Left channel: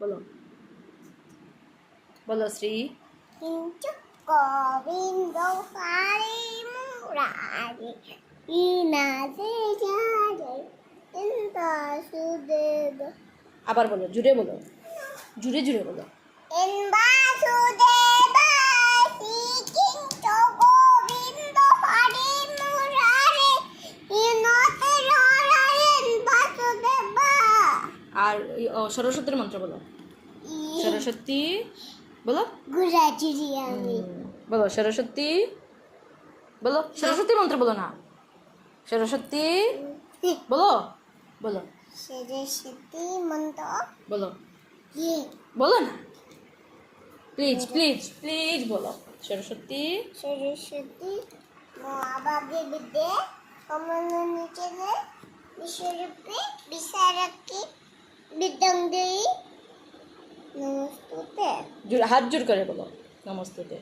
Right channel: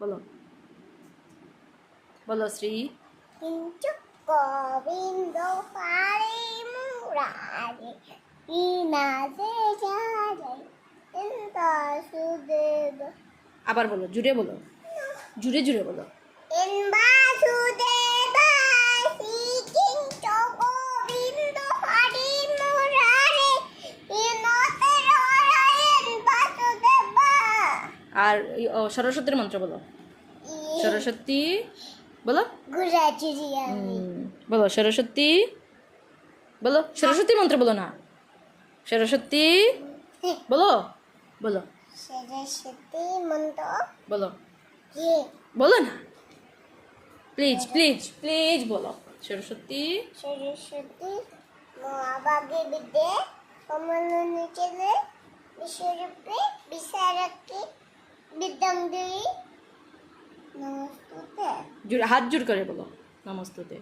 বলো বলো শ্রী। কিন্তু গোবিন্দ হরি মুরারি ইনাজে জাগে ইন্দাসুদেব। আবার বলো, জুড়ে বলো, জুড়ে জুড়ে বলো। ইন্দাসুদেব কিন্তু গোবিন্দ হরি মুরারি ইনাজে জাগে ইন্দাসুদেব। আর সরস্বতীর মন্ত্র বলো। সরস্বতী বলো। বলো সরস্বতী, বলো সরস্বতী মন্ত্র বলো না। সরস্বতী বলো, বলো সরস্বতী মন্ত্র বলো, বলো না প্লিজ প্লিজ প্লিজ বলো। সরস্বতী সরস্বতী মহাভাগে বিদ্যে কমল নিচে বিশ্বরূপে বিশারকি বিদ্যাঙ্গী নমস্তুতে। হাত জোর করে বলো নমস্তুতে।